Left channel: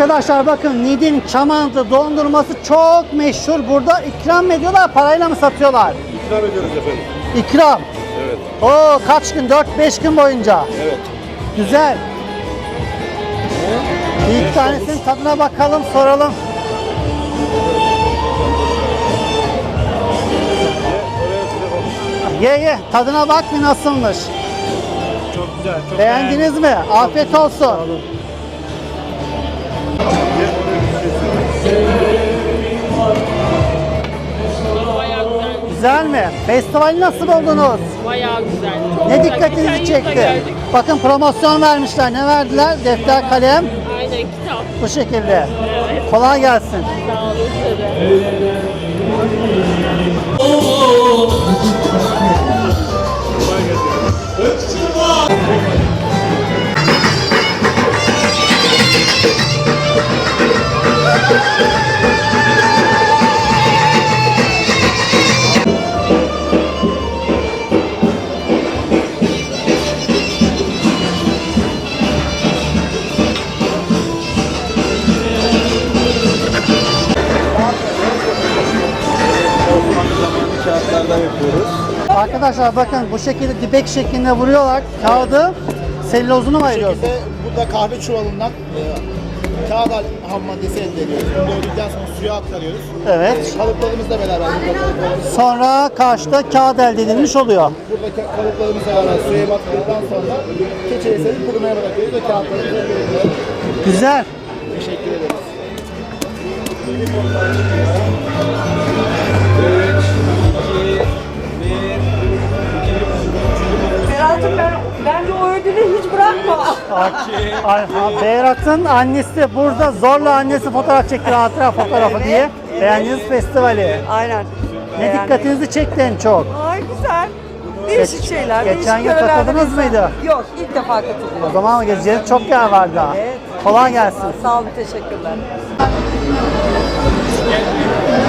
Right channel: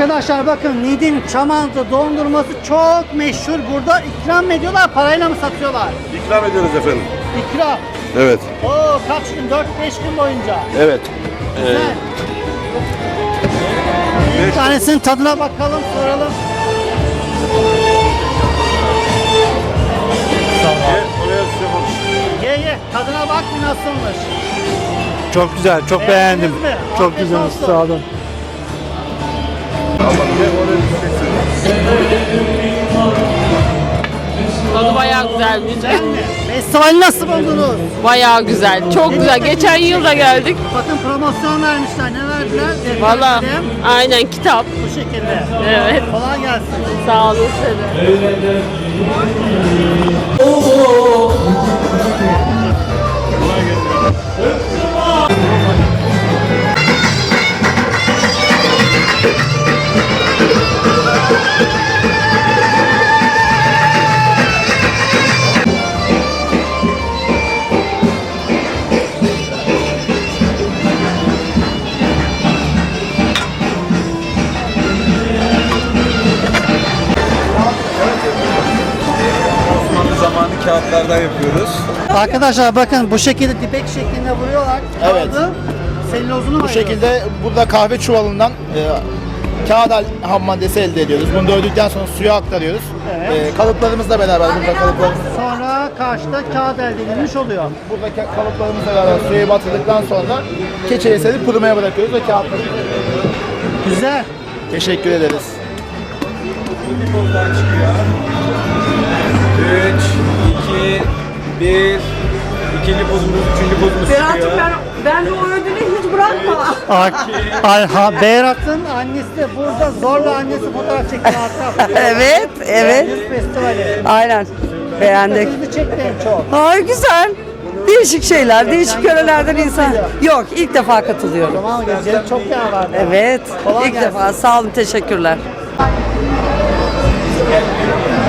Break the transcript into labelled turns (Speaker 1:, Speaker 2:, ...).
Speaker 1: Arkadaşlar bakın Niğde'nin Çamantı dondurması çok meşhur. Burada ikram mı ediyorlar, parayla mı satıyorlar?
Speaker 2: İkram ediyoruz efendim.
Speaker 1: İkram.
Speaker 2: Evet.
Speaker 1: Oo, kaç gün? 4-5 gün boyunca.
Speaker 2: Evet.
Speaker 1: Güzel. İlk tanesinin tadına bakalım, soralım. Ye, tadına bak bir nasılmış.
Speaker 3: Çok güzel, çok
Speaker 1: Beğendiniz
Speaker 3: beğendim.
Speaker 1: mi?
Speaker 3: Çok
Speaker 1: Afiyet
Speaker 3: güzel,
Speaker 1: olsun.
Speaker 3: sağ olun.
Speaker 4: Tadı bayağı güzelmiş.
Speaker 1: Güzel mi? Festivali nasıl buldunuz?
Speaker 4: Bayağı güzel. Çok
Speaker 1: Ne
Speaker 4: güzel.
Speaker 1: dikkatinizi
Speaker 4: Geçen yıl da
Speaker 1: çekti?
Speaker 4: geldik.
Speaker 1: Bakın promosyon vermişler. Ne verdiler? Defter
Speaker 4: Valla
Speaker 1: kalem.
Speaker 4: aynen kitap.
Speaker 1: Bu şekilde.
Speaker 4: Evet.
Speaker 1: Kolay gelsin.
Speaker 4: Sağ olun.
Speaker 5: Osmanlı zamanı kağıtlardan yapıyoruz.
Speaker 1: Arkadaşlar bakın bu şekilde dipek şeklinde vuruyorlar. Kağıdı sellozunu mu
Speaker 6: Bu
Speaker 1: ayırıyoruz?
Speaker 6: şekilde burada kahve çuvalından kağıt ham maddesi elde ediyoruz. Bunu dövdükten sonra suya aktarıyoruz.
Speaker 1: Evet.
Speaker 6: Kalıplarımızla beraber burada kalıplarımız.
Speaker 1: Sonra karşıda kağıt elde edilmiş oluyor.
Speaker 6: Buradaki kalıplarımızla beraber suya batırdıktan sonra keçeye serip kurumaya bırakıyoruz ve kağıtlarımızı böyle.
Speaker 1: Güzel.
Speaker 6: Teşekkür ederiz.
Speaker 5: 3, 2, 1. İkinci bozumuz, üçüncü bozumuz çıkıyor.
Speaker 7: Bence o ödülü hiç bırakma.
Speaker 1: Beyrat'ın annesi de burada zorla annesi fotoğraf çekti hatta fotoğrafı.
Speaker 7: Evet, evet.
Speaker 1: Beğendiniz festivali.
Speaker 7: Aynen. Beğendik.
Speaker 1: Dikkatinizi çekti en çok.
Speaker 7: Ay güzel. Değişik şeyler,
Speaker 1: Geçen
Speaker 7: değişik
Speaker 1: yıl
Speaker 7: yörelerden
Speaker 1: katıldınız
Speaker 7: insan.
Speaker 1: mıydı?
Speaker 7: Yok, ilk defa
Speaker 1: O
Speaker 7: katılıyorum.
Speaker 1: zaman gece çok yer vardı.
Speaker 7: Evet,
Speaker 1: Kolay
Speaker 7: ilk
Speaker 1: gelsin.
Speaker 7: defa. Sağ olun, teşekkürler.